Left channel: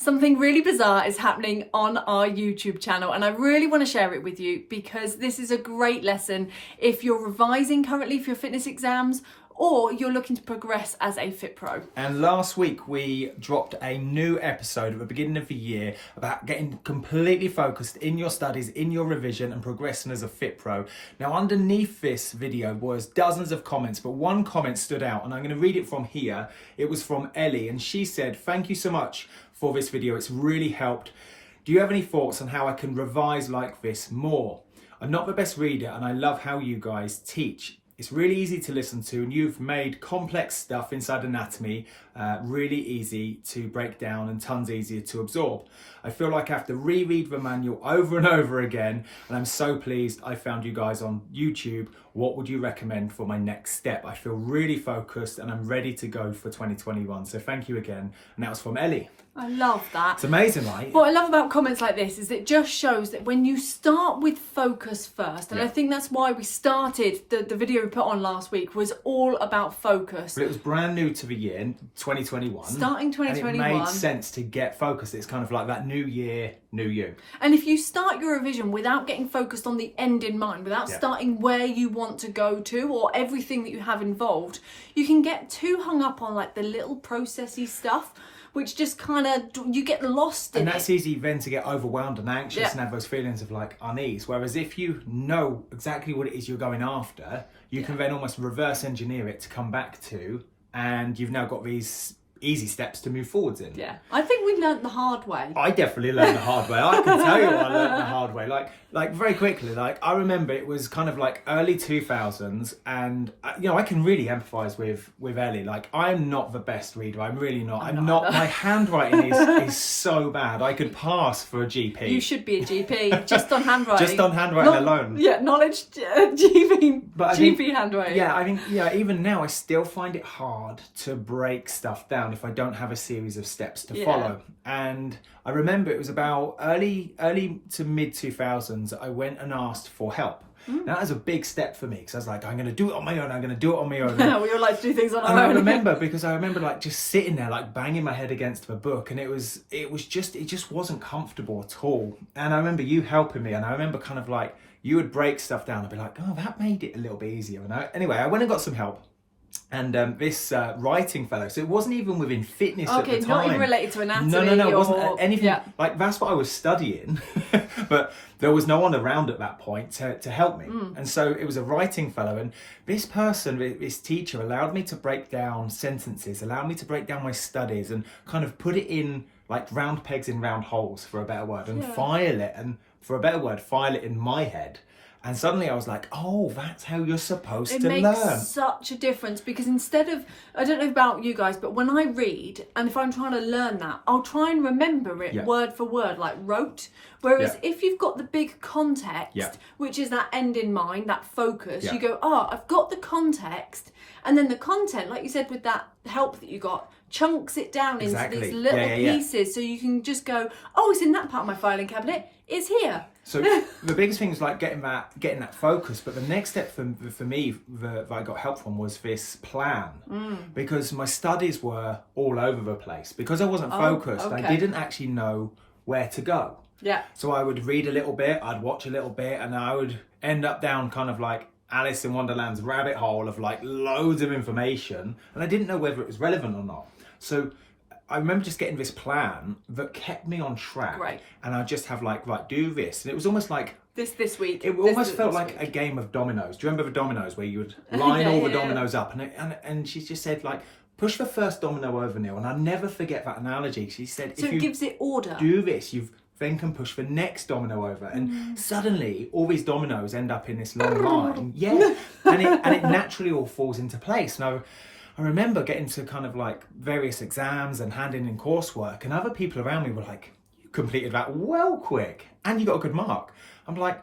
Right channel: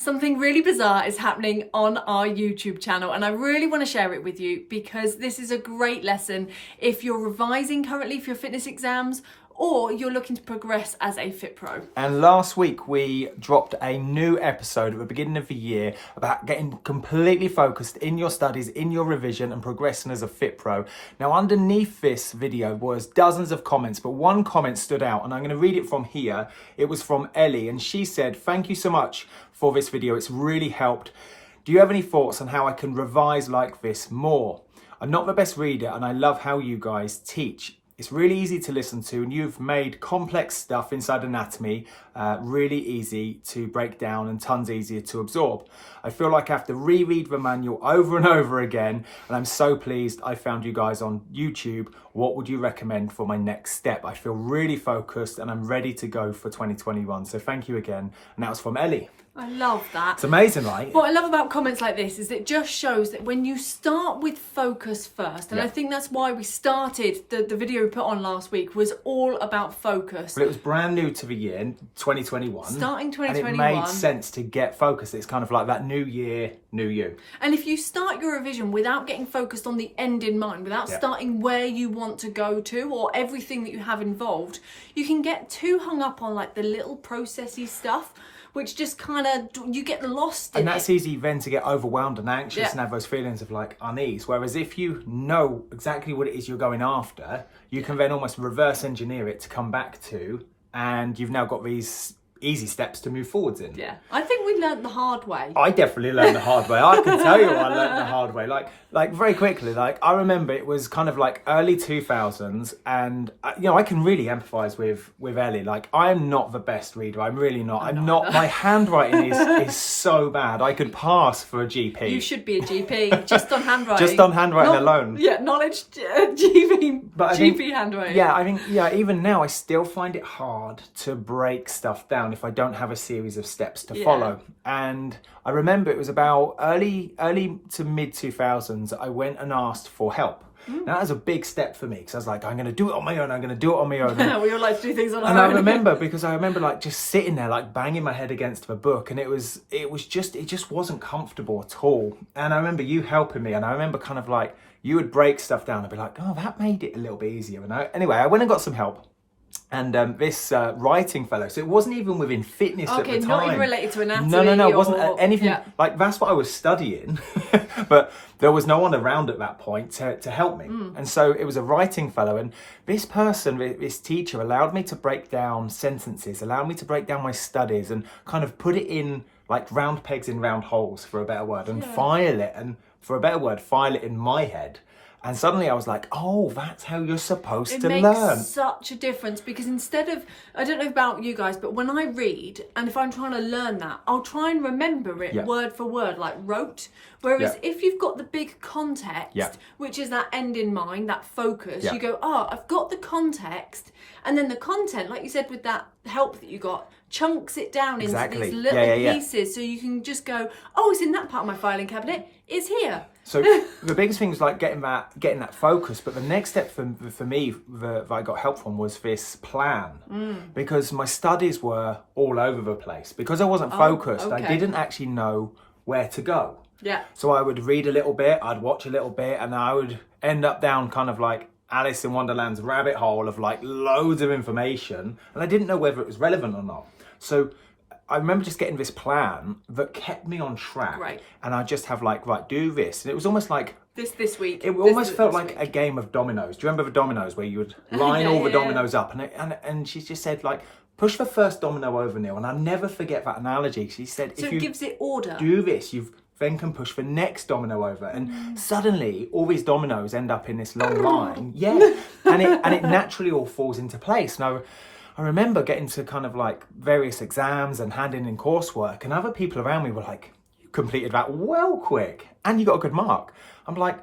Something really bizarre is happening on our YouTube channel, and I really want to share it with you because this is a great lesson if you're revising currently for your fitness exams or you're looking to progress as a FITPRO. And last week we dropped a new episode at the beginning of the year about getting completely focused in your studies, in your revision and progressing as a FITPRO. Now underneath this video was dozens of comments, but one comment stood out and I'm going to read it from here. It was from Ellie and she said, "Thank you so much for this video, it's really helped. Do you have any thoughts on how I can revise like this more? I'm not the best reader and I love how you guys teach. It's really easy to listen to and you've made complex stuff inside anatomy really easy to break down and tons easier to absorb. I feel like I have to reread the manual over and over again and I'm so pleased I found you guys on YouTube. What would you recommend for my next step? I feel really focused and I'm ready to go for 2021. So thank you again." And that was from Ellie. I love that. It's amazing, right? What I love about comments like this is it just shows that when you start with focus first, and I think that's why we started, the video we put on last week was all about focus. But it was brand new to the year, 2021. Starting 2021. And it made sense to get focused. It's kind of like that new year, new you. And if you start your revision without getting focused on the end in mind, without starting where you want to go to or everything that you have involved, you can get too hung up on like the little processy stuff, which just kind of, you get lost in it. And that's easy then to get overwhelmed and anxious and have those feelings of like unease. Whereas if you know exactly what it is you're going after, you can then almost reverse engineer it to come back to, and you've now got these easy steps to move forwards in. Yeah, I think we learnt the hard way. I definitely learned the hard way. I can tell you I learned the hard way. Like very quickly, like I remember it was kind of like early 2000s and you know, I can really empathise with Ellie. Like I'm not the best reader. I'm really not. I'm not my handwriting is so bad. I could pass for a GP. You should be a GP just on handwriting. Just on handwriting alone. Yeah, knowledge GP, but GP handwriting. Yeah, I think even now I still find it hard to break stuff down if I don't have a series of steps to follow. And I remember it was about early to mid 2000s I went and asked for help. Now that was a big step for me because I was like, I'm going to do it on my own. I'm going to do it on my own. We all like to do things on our own. own. I remember like just sitting there like banging my head against the book, and it just wasn't comfortable at all. And I remember you helping me, and I remember kind of like you would break stuff down and be like, oh, that made it a little bit easier. And anyway, I went and got some help. And this writing fellow, so it wasn't even within fitness at the time. Okay, not even related to anatomy. No, it wasn't anything. Like that's what I was studying, but there was no one around at that point to help me. And so it was a writing fellow, and this person, this teacher, allowed me to break down sentences, allowed me to break down my studies, and kind of put it in like round pegs in round holes, for a better word, and file it in my head. And suddenly I was like, oh, that's how you're supposed to learn. It makes such a difference because instead of, I don't know about you guys, but when I read, and if I'm trying to learn that, I'll try and remember it word for word, like rote. Whereas if you've got the big context, which is that end in mind, that focus, you go, oh, I've got the context. And then the content, like you said, with that help that you got, chunks it down into these little pieces. So you can just go, oh, it's in that part of my filing cabinet. It's here. So the biggest thing was like getting that focus, but the next step for me that I got help from was this plan, because my studies were all over the place. Because I wasn't focused, I didn't actually know where to go. Yeah. So I would read a little bit, I'd watch a little bit, and I would end up down kind of like Alice in Wonderland's rabbit hole of like loads of information, and I didn't know whether it was relevant or not. So I remember just getting this plan that kept me on track. Right. And I just have like, right, do this. And it was almost like this week. It almost felt like a game of dominoes. Do you remember the dominoes where you would line all the dominoes up? And she just said like, push the first domino over, Neil. And I'll never forget that analogy. She said, so if it gives it order. Do this, you then can push the next domino over. And suddenly all these dominoes end up in this long line. And it naturally all falls into place. Now, I remember getting to kind of like various exams and handing in coursework, and other people around me were like, you completed that well quick and you got a good mark. I'm like,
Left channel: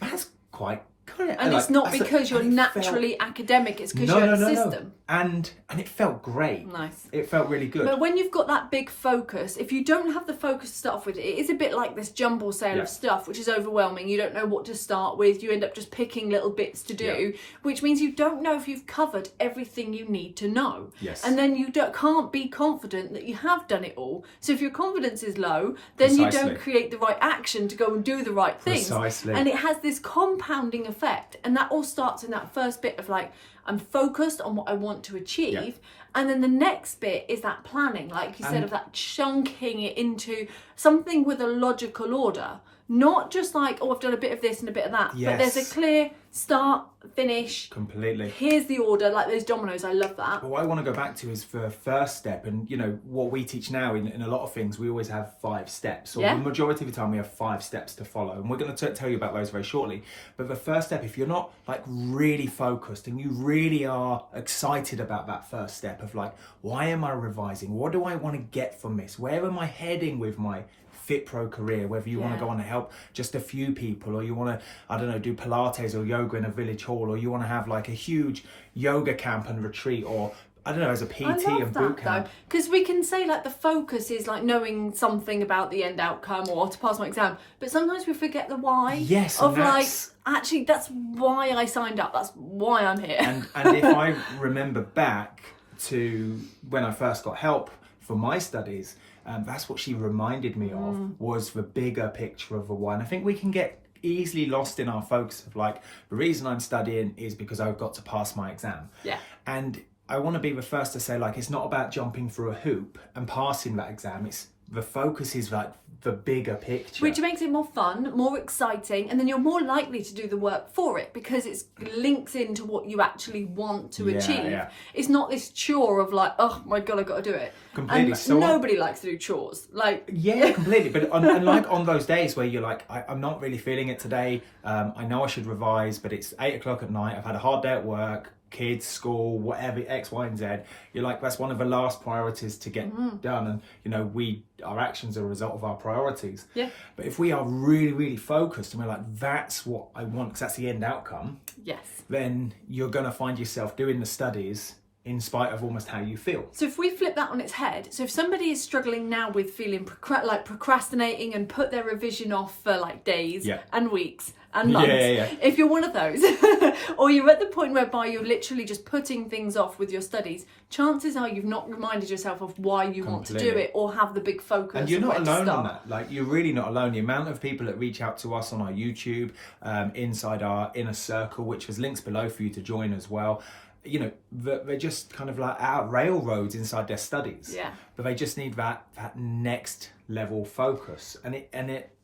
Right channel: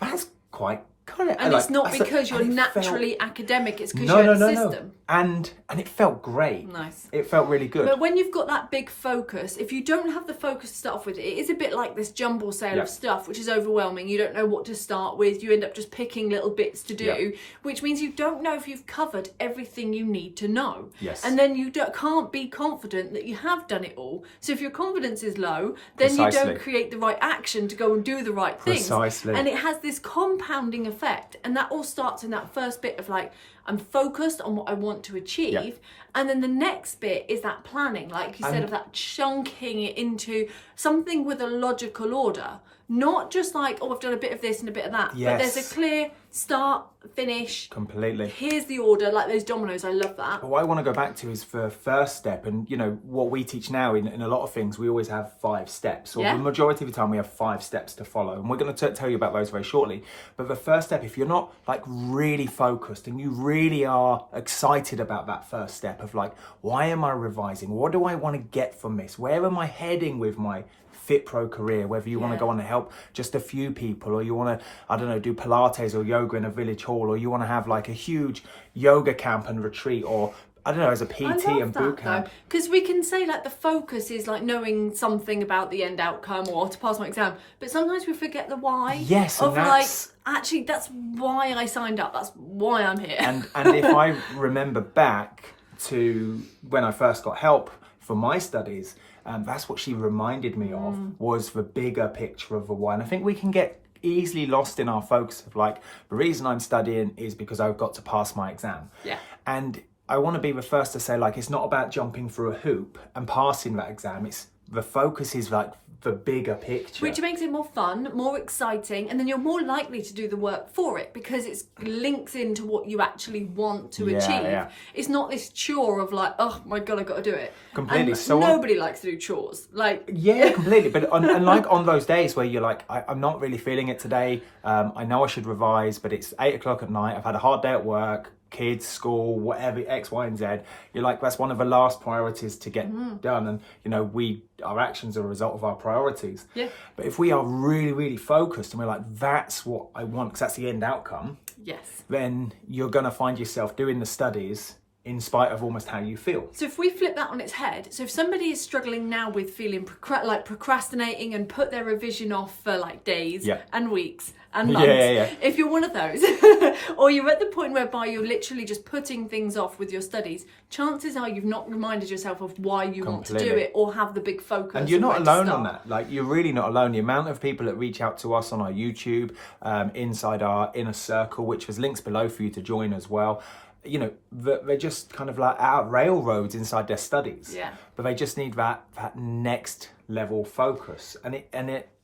that's quite And it's not because you're naturally academic, it's because you're in the system. And it felt great. Nice. It felt really good. But when you've got that big focus, if you don't have the focus to start off with, it is a bit like this jumble sale of stuff, which is overwhelming. You don't know what to start with. You end up just picking little bits to do, which means you don't know if you've covered everything you need to know. Yes. And then you can't be confident that you have done it all. So if your confidence is low, then you don't create the right action to go and do the right things. Precisely. And it has this compounding effect. And that all starts in that first bit of like, I'm focused on what I want to achieve. And then the next bit is that planning, like you said, of that chunking it into something with a logical order. Not just like, oh, I've done a bit of this and a bit of that. But there's a clear start, finish. Completely. Here's the order, like those dominoes. I love that. What I want to go back to is the first step. And, you know, what we teach now in a lot of things, we always have 5 steps. Or the majority of the time we have 5 steps to follow. And we're going to tell you about those very shortly. But the first step, if you're not like really focused and you really are excited about that first step of like, why am I revising? What do I want to get from this? Where am I heading with my FITPRO career, whether you want to go on to help just a few people, or you want to, I don't know, do Pilates or yoga in a village hall, or you want to have like a huge yoga camp and retreat, or I don't know, as a PT and boot camp. Because we can say like the focus is like knowing something about the end outcome or to pass my exam, but sometimes we forget the why. Yes, of like, actually, that's why I signed up. That's why I'm here. And if I remember back to when I first got help for my studies, that's what she reminded me of, was the bigger picture of the why. And I think we can get easily lost in our focus of like, the reason I'm studying is because I've got to pass my exam. Yeah. And I want to be the first to say, like, it's not about jumping through a hoop and passing that exam. It's the focus is like the bigger picture, which makes it more fun, more exciting, and then you're more likely to do the work for it because it links into what you actually want to achieve. It's not this chore of like, oh my god, I got to do it. Completely. And so nobody likes to do chores. Like, completely. But and like on those days where you're like, I'm not really feeling it today. I know I should revise, but it's 8 o'clock at night. I've had a hard day at work. Kids, school, whatever, X, Y, and Z. You're like, that's one of the last priorities to get done. And, you know, our actions are a result of our priorities. Yeah. But if we are really, really focused and we're like, that's what I want, because that's the end outcome. Yes. Then you're going to find yourself doing the studies in spite of almost how you feel. So if we flip that on its head, so if somebody is struggling now with feeling like procrastinating and put their revision off for like days and weeks and months, if you're one of those, or you're at the point whereby you're literally just putting things off with your studies, chances are you've not reminded yourself of why you want to do it or have the big focus. And you're not alone on that. Like, you're really not alone. The amount of people that reach out to us on our YouTube, inside our inner circle, which has links below for you to join as well. You know, they're just kind of like out railroads inside their studies. Yeah. But they just need that next level focus. And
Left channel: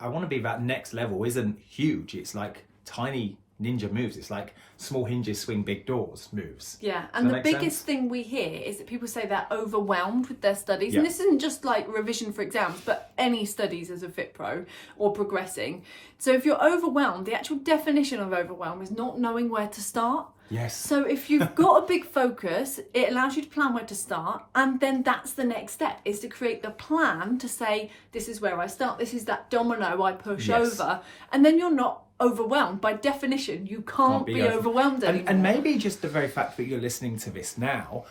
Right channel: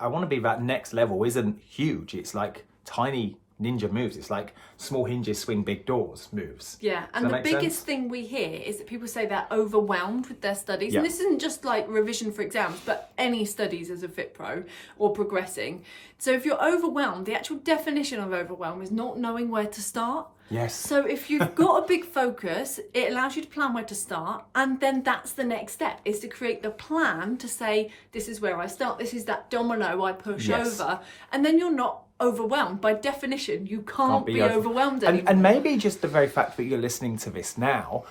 I want to be that next level isn't huge. It's like tiny ninja moves. It's like small hinges swing big doors moves. Yeah. And the biggest thing we hear is that people say they're overwhelmed with their studies. And this isn't just like revision for exams, but any studies as a FITPRO or progressing. So if you're overwhelmed, the actual definition of overwhelm is not knowing where to start. Yes. So if you've got a big focus, it allows you to plan where to start. And then that's the next step, is to create the plan to say, this is where I start. This is that domino I push over. And then you're not overwhelmed. By definition, you can't be overwhelmed anymore. And maybe just the very fact that you're listening to this now,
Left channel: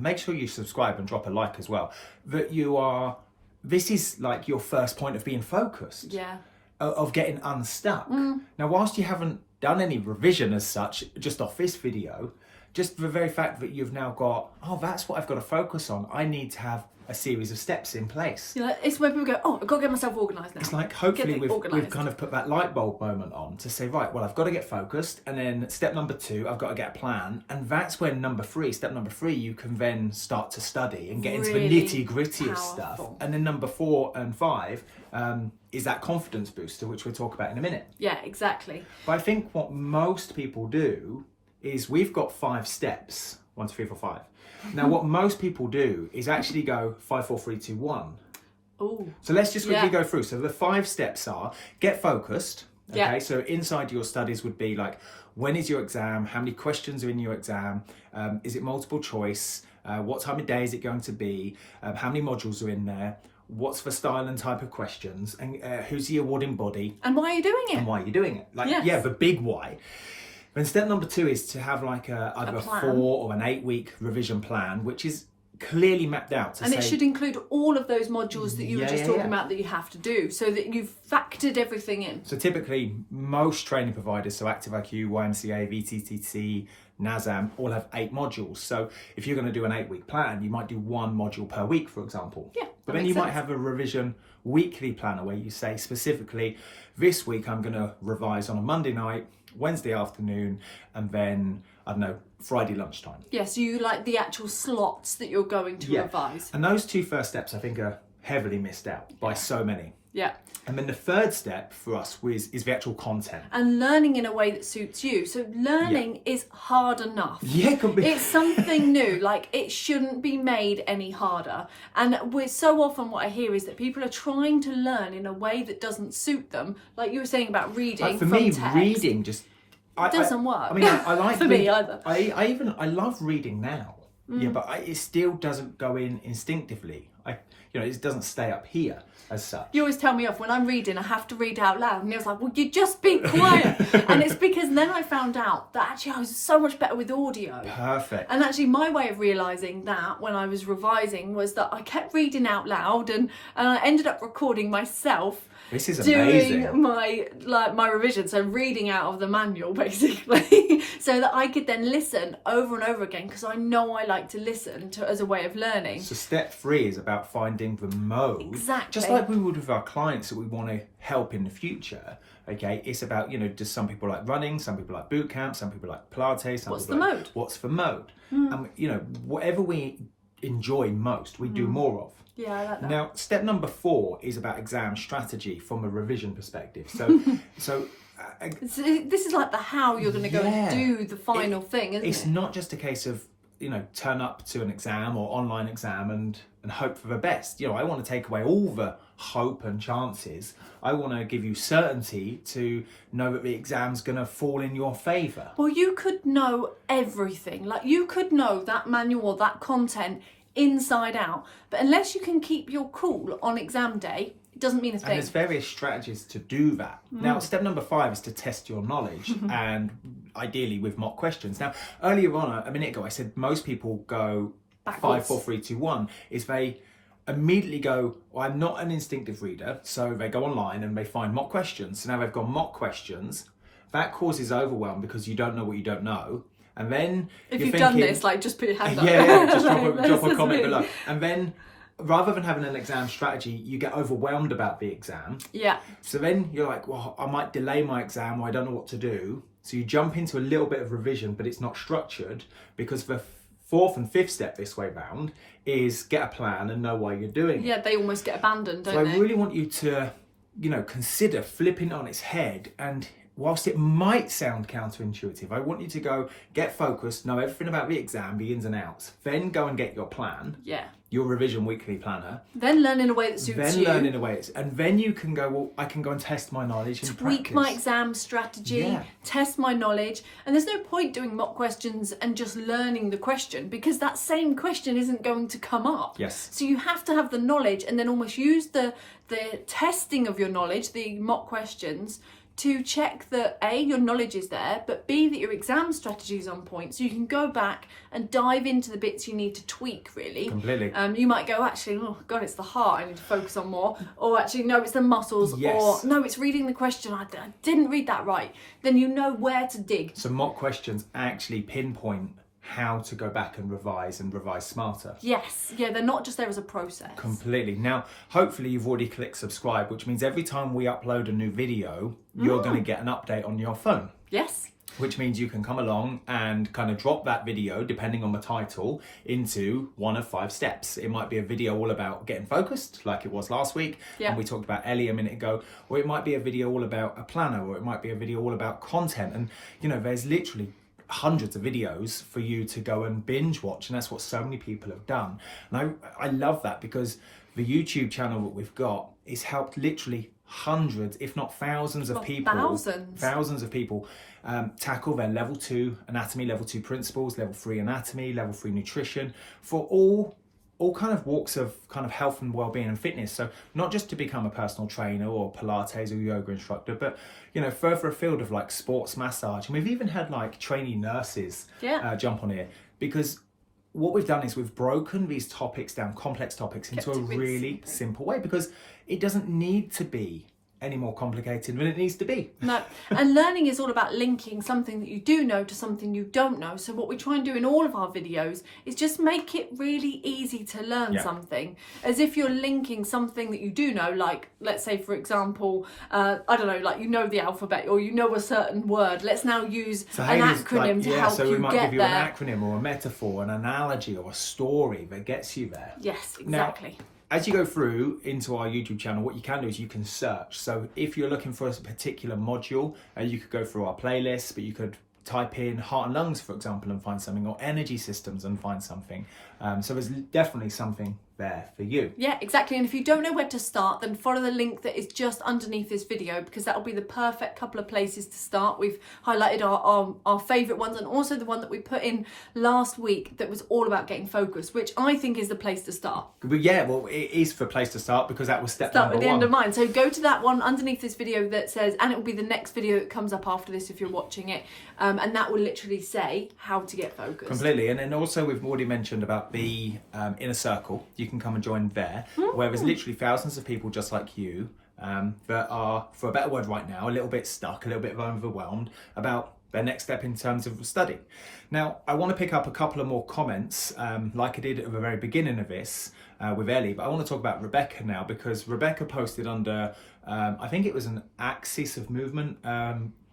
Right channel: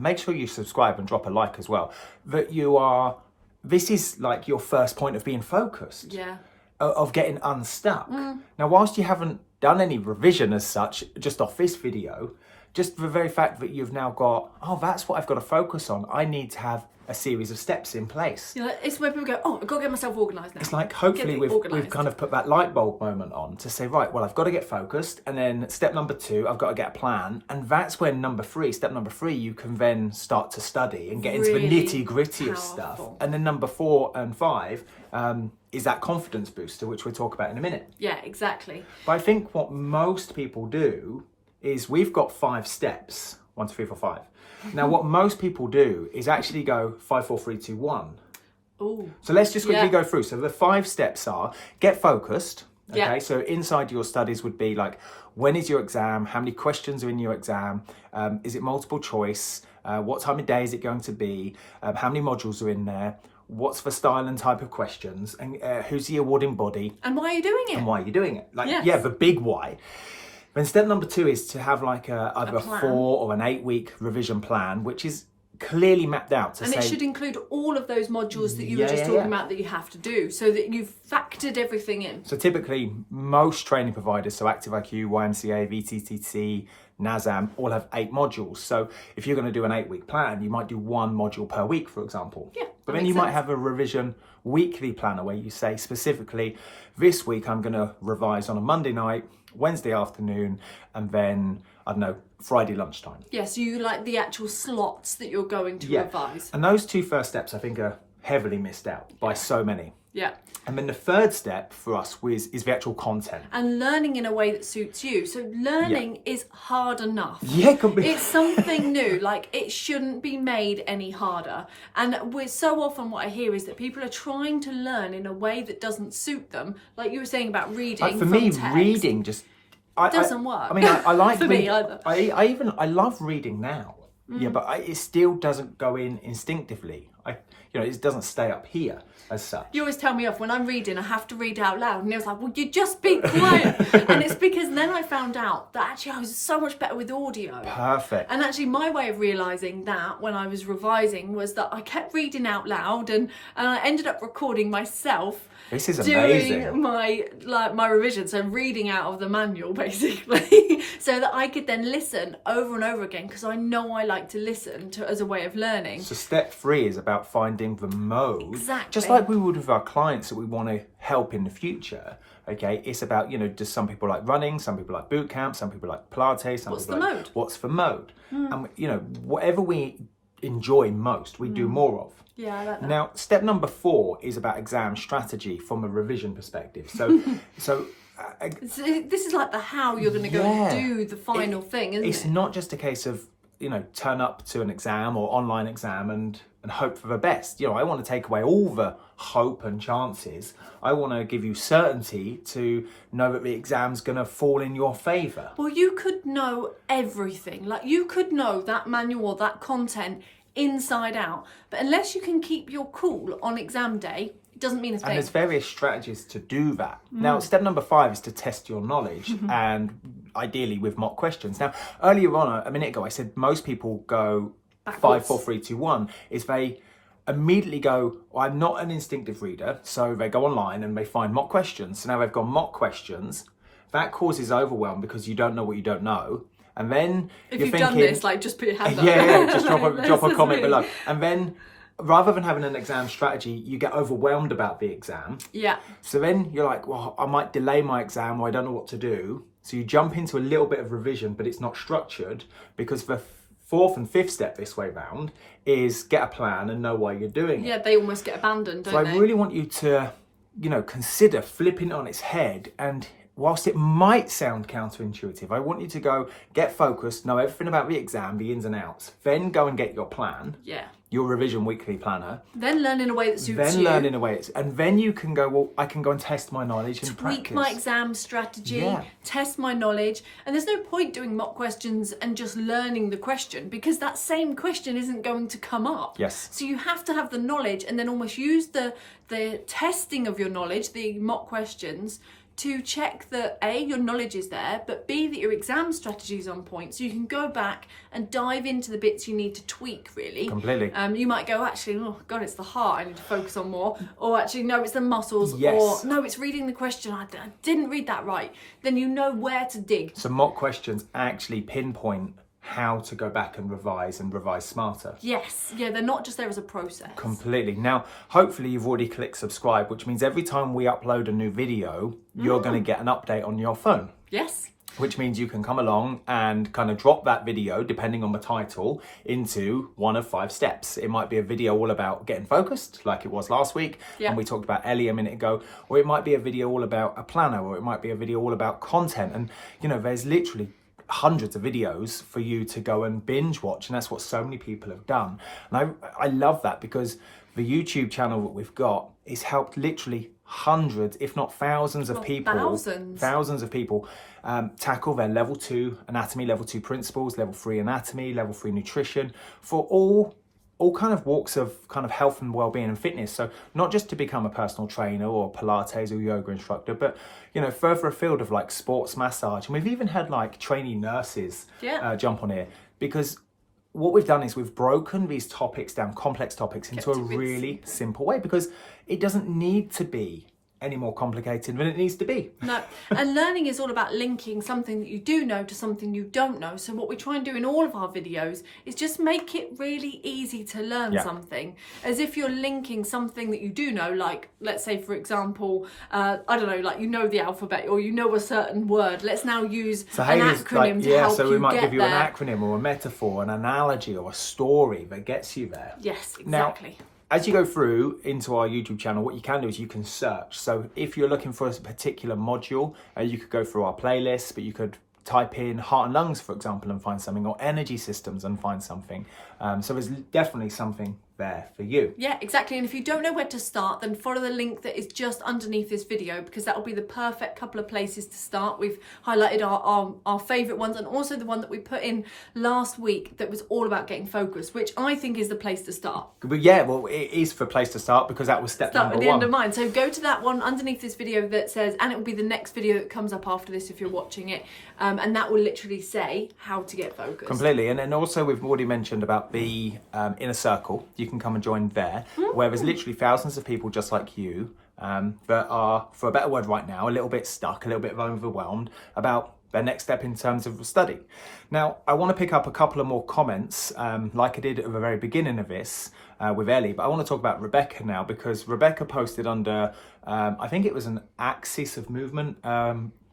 make sure you subscribe and drop a like as well. That this is like your first point of being focused. Yeah. Of getting unstuck. Now, whilst you haven't done any revision as such, just off this video, just the very fact that you've now got, oh, that's what I've got to focus on. I need to have a series of steps in place. Like, it's where people go, oh, I've got to get myself organised now. It's like, hopefully we've kind of put that light bulb moment on to say, right, well, I've got to get focused. And then step number 2, I've got to get a plan. And that's when step number 3, you can then start to study and get into the nitty gritty of stuff. And then number 4 and 5, is that confidence booster, which we'll talk about in a minute. Yeah, exactly. But I think what most people do is we've got 5 steps, 1, 2, 3, 4, 5. Now, what most people do is actually go 5, 4, 3, 2, 1. Ooh. So let's just quickly go through. So the 5 steps are: get focused. Okay, so inside your studies would be like, when is your exam? How many questions are in your exam? Is it multiple choice? What time of day is it going to be? How many modules are in there? What's the style and type of questions? And who's the awarding body? And why are you doing it? And why are you doing it? Like, the big why. Then step number 2 is to have like either a 4 plan. or an 8-week revision plan, which is clearly mapped out to and it should include all of those modules that you were just talking about that you have to do, so that you've factored everything in. So typically most training providers, so ActiveIQ, YMCA, VTTC, NASAM, all have 8 modules. So if you're going to do an 8-week plan, you might do 1 module per week, for example. Yeah, but then you might have a revision weekly planner where you say specifically, this week I'm going to revise on a Monday night, Wednesday afternoon, and then, I don't know, Friday lunchtime. Yeah, so you like the actual slots that you're going to revise. And those 2 first steps, I think, are heavily missed out by so many. Yeah. And then the third step for us is the actual content. And learning in a way that suits you. So learning is hard enough. Yeah, completely. It's something new. Like, it shouldn't be made any harder. And so often what I hear is that people are trying to learn in a way that doesn't suit them. Like you were saying about reading for from me, text. reading just... It doesn't work. I mean, I like for me either. I love reading now. Yeah, but it still doesn't go in instinctively. It doesn't stay up here as such. You always tell me off when I'm reading, I have to read out loud. And he was like, well, you just be quiet. And it's because then I found out that actually I was so much better with audio. Perfect. And actually my way of realising that when I was revising was that I kept reading out loud, and I ended up recording myself. This is amazing. Doing my revision, so reading out of the manual basically, so that I could then listen over and over again, because I know I like to listen to as a way of learning. So step 3 is about finding the mode. Exactly. Just like we would with our clients that we want to help in the future. Okay, it's about, just some people like running, some people like boot camp, some people like Pilates, some What's people the like mode? what's the mode. And whatever we enjoy most, we do more of. Yeah, I like that. Now, step number 4 is about exam strategy from a revision perspective. So this is like the how you're going to go and do the final thing, isn't it? It's not just a case of, turn up to an exam or online exam and hope for the best. I want to take away all the hope and chances. I want to give you certainty to know that the exam's going to fall in your favour. Well, you could know everything. Like, you could know that manual or that content inside out, but unless you can keep your cool on exam day, it doesn't mean a thing. And there's various strategies to do that. Now, step number 5 is to test your knowledge, and ideally with mock questions. Now, earlier on, a minute ago, I said most people go backwards. 5, 4, 3, 2, 1. Is they immediately go, I'm not an instinctive reader, so they go online and they find mock questions. So now they've got mock questions. That causes overwhelm because you don't know what you don't know. And then if you've done this, just put your hand up. Just drop a comment below. And then rather than having an exam strategy, you get overwhelmed about the exam. Yeah. So then you're like, well, I might delay my exam, or I don't know what to do. So you jump into a little bit of revision, but it's not structured, because the 4th and 5th step this way round is get a plan and know why you're doing it. Yeah, they almost get abandoned, don't they? So I really want you to, consider flipping it on its head, and whilst it might sound counterintuitive, I want you to go get focused, know everything about the exam, the ins and outs, then go and get your plan. Yeah. Your revision weekly planner. Then learn in a way that suits you. Learn in a way, and then you can go, well, I can go and test my knowledge in practice. Tweak my exam strategy, test my knowledge. And there's no point doing mock questions and just learning the question, because that same question isn't going to come up. Yes. So you have to have the knowledge, and then almost use the testing of your knowledge, the mock questions, to check that A, your knowledge is there, but B, that your exam strategy is on point, so you can go back and dive into the bits you need to tweak, really. Completely. You might go, actually, oh God, it's the heart I need to focus on more. Or actually, no, it's the muscles. Yes. Or no, it's reading the question. I didn't read that right. Then you know where to dig. So mock questions actually pinpoint how to go back and revise smarter. Yes. Yeah, they're not just there as a process. Completely. Now, hopefully you've already clicked subscribe, which means every time we upload a new video, you're going to get an update on your phone. Yes. Which means you can come along and kind of drop that video, depending on the title, into one of 5 steps. It might be a video all about getting focused, like it was last week, and we talked about Ellie a minute ago, or it might be a video all about a planner, or it might be a video all about content. And, there's literally hundreds of videos for you to go and binge watch, and that's what so many people have done. And I love that, because the YouTube channel that we've got has helped literally hundreds, if not thousands of people, thousands of people tackle their level 2 anatomy, level 2 principles, level 3 anatomy, level 3 nutrition, for all all kind of walks of kind of health and well-being and fitness. So not just to become a personal trainer or Pilates or yoga instructor, but further afield of like sports massage. And we've even had like trainee nurses jump on here, because what we've done is we've broken these topics down, complex topics, into a really simple way, because it doesn't need to be any more complicated than it needs to be. No, and learning is all about linking something that you do know to something you don't know. So what we try and do in all of our videos is just make it really easy to learn something, as if you're linking something that you do know, like let's say for example, I don't know, like the alphabet or a certain word. Let's now use an acronym to help you get there. So we might give you an acronym or a metaphor, an analogy or a story that gets you there. Yes, exactly. Now, as you go through into our YouTube channel, what you can do is you can search. So if you're looking for a particular module, you could go through our playlist, but you could type in heart and lungs, for example, and find something, or energy systems and find something. So there's definitely something there for you. Yeah, exactly. And if you don't know where to start, then follow the link that is just underneath this video, because that will be the perfect couple of places to start. We've highlighted our favourite ones, and also the one that we put in last week that was all about getting focused, which I think is the place to start. But yeah, well, it is the place to start, because that was step number one. Start at the end of mine. So go to that one underneath this video that says, and it will be the next video that comes up after this if you're watching it, and that will literally say how to get focused. Completely. And then also we've already mentioned about the inner circle. You can come and join there, where there's literally thousands of people just like you that are, for a better word right now, a little bit stuck, a little bit overwhelmed about their next step in terms of study. Now, I want to pick up a couple of more comments, like I did at the very beginning of this with Ellie, but I want to talk about Rebecca now, because Rebecca posted under, I think it was an axis of movement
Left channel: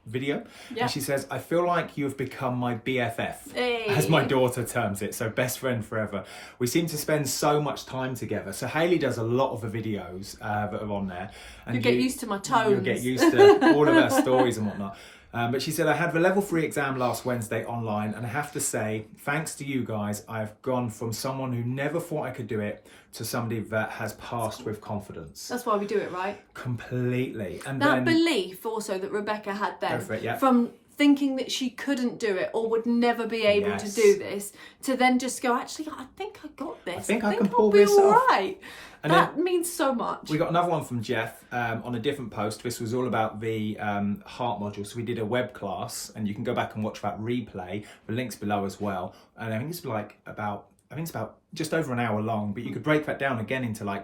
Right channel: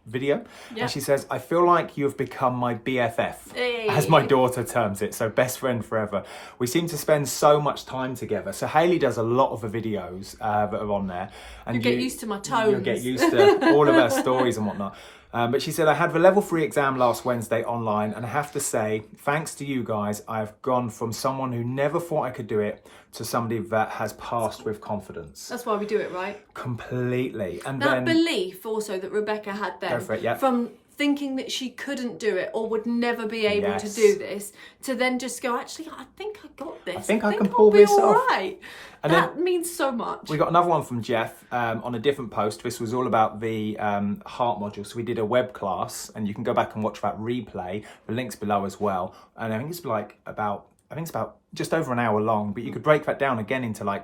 video, and she says, I feel like you've become my BFF, as my daughter terms it, so best friend forever. We seem to spend so much time together. So Hayley does a lot of the videos that are on there, and you get used to my tones. You'll get used to all of her stories and whatnot. But she said, I had the level 3 exam last Wednesday online, and I have to say, thanks to you guys, I've gone from someone who never thought I could do it to somebody that has passed with confidence. That's why we do it, right? Completely. And that belief also that Rebecca had then, from thinking that she couldn't do it or would never be able to do this, to then just go, actually, I think I got this. I think I can pull this all off. Right. And that means so much. We got another one from Jeff on a different post. This was all about the heart module. So we did a web class, and you can go back and watch that replay. The link's below as well. And I think it's about just over an hour long, but you could break that down again into like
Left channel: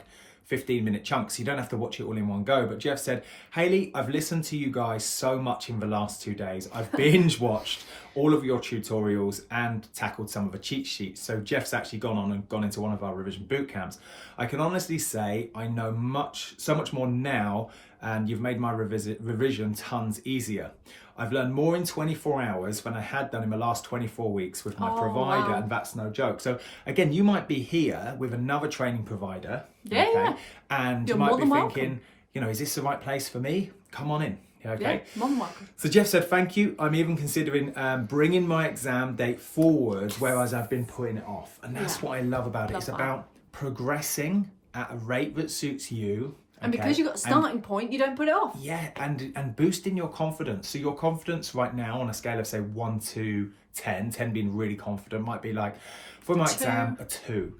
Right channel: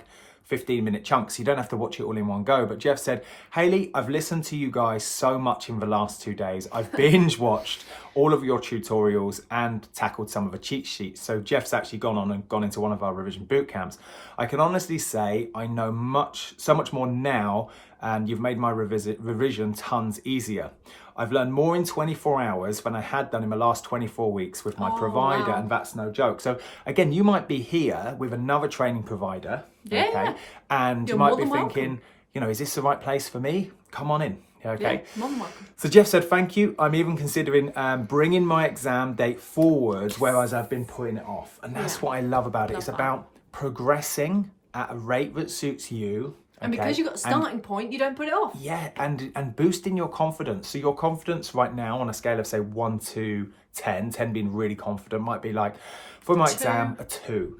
15-minute chunks. You don't have to watch it all in one go. But Jeff said, Hayley, I've listened to you guys so much in the last 2 days. I've binge watched all of your tutorials and tackled some of the cheat sheets. So Jeff's actually gone into one of our revision boot camps. I can honestly say I know so much more now, and you've made my revision tons easier. I've learned more in 24 hours than I had done in the last 24 weeks with my provider, and that's no joke. So again, you might be here with another training provider, and you might be thinking, is this the right place for me? Come on in. Okay. Yeah, more than welcome. So Jeff said, thank you. I'm even considering bringing my exam date forward, whereas I've been putting it off. And that's what I love about it. It's about progressing at a rate that suits you. And because you've got a starting point, you don't put it off. Yeah, and boosting your confidence. So your confidence right now on a scale of, say, 1 to 10, 10 being really confident, might be like, for my exam, a 2.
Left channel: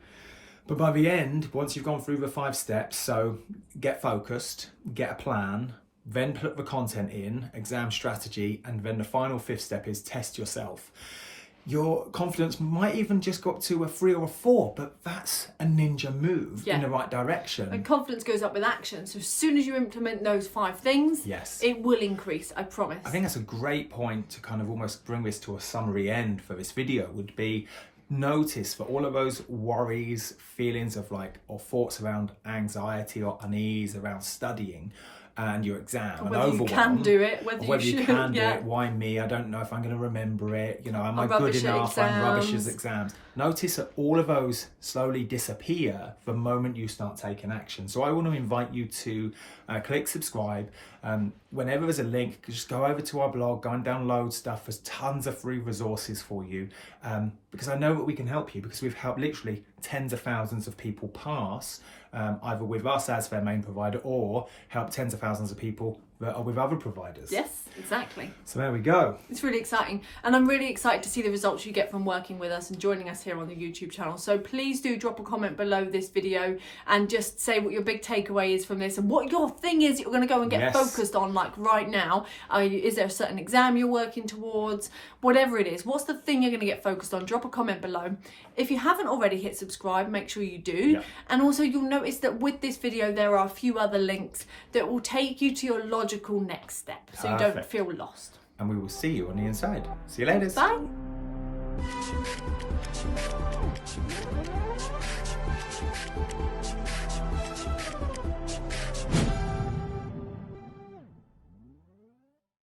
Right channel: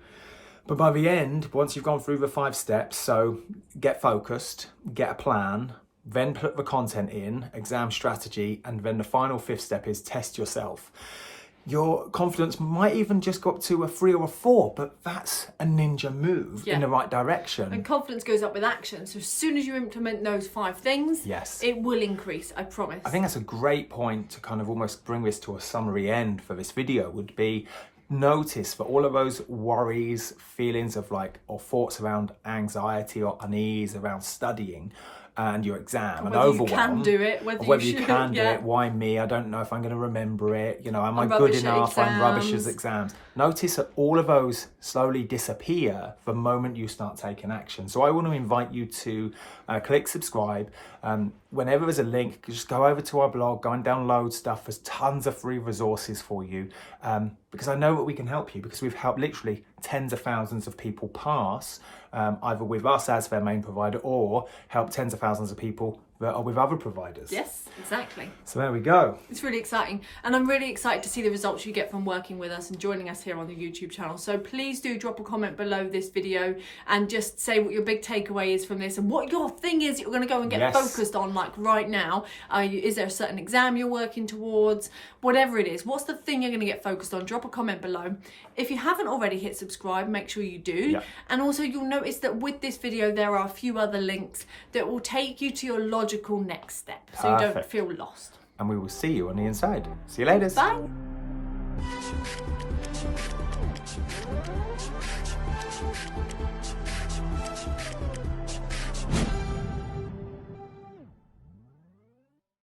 But by the end, once you've gone through the 5 steps, so get focused, get a plan, then put the content in, exam strategy, and then the final 5th step is test yourself. Your confidence might even just go up to a 3 or a 4, but that's a ninja move in the right direction. And confidence goes up with action. So as soon as you implement those 5 things, it will increase, I promise. I think that's a great point to kind of almost bring this to a summary end for this video, would be notice for all of those worries, feelings of or thoughts around anxiety or unease around studying and your exam, and whether overwhelm, you can do it, whether you can do it, why me, I don't know if I'm going to remember it, am I good enough, I'm rubbish at exams. Notice that all of those slowly disappear the moment you start taking action. So I want to invite you to click subscribe. Whenever there's a link, just go over to our blog, go and download stuff. There's tons of free resources for you, because I know that we can help you, because we've helped literally tens of thousands of people pass, either with us as their main provider, or help tens of thousands of people that are with other providers. Yes, exactly. So there we go. It's really exciting. And I'm really excited to see the results you get from working with us and joining us here on the YouTube channel. So please do drop a comment below this video and just say what your big takeaway is from this and what your thing is you're going to go and get focused on, like right now. Is there a certain exam you're working towards? Whatever it is, what's the thing you're going to get focused on? Drop a comment below. If you haven't already hit subscribe, make sure you do. Yeah. And also you'll notice that with this video, there are a few other links that will take you to your logical next step. So you don't feel lost. And we will see you on the inside. See you later. Bye.